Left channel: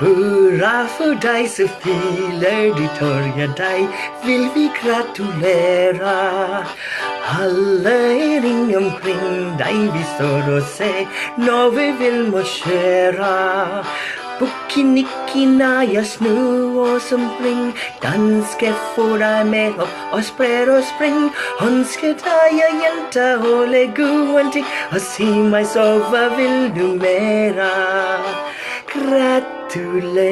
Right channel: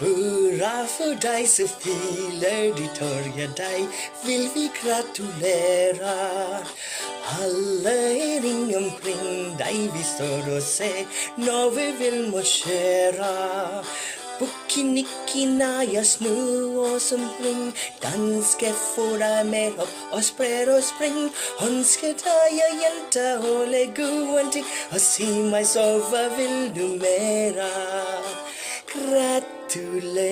Hurra för dig så fyller ditt år, ja dig vill vi gratulera. Alla är ring omkring dig, vi står och ser när vi vill marschera. Bukinikina just nu och som ring, danska får dig med och spred och spring. Önskar dig jag hjälta och lägga ting och se mig så vad vill du mera? Gratulera.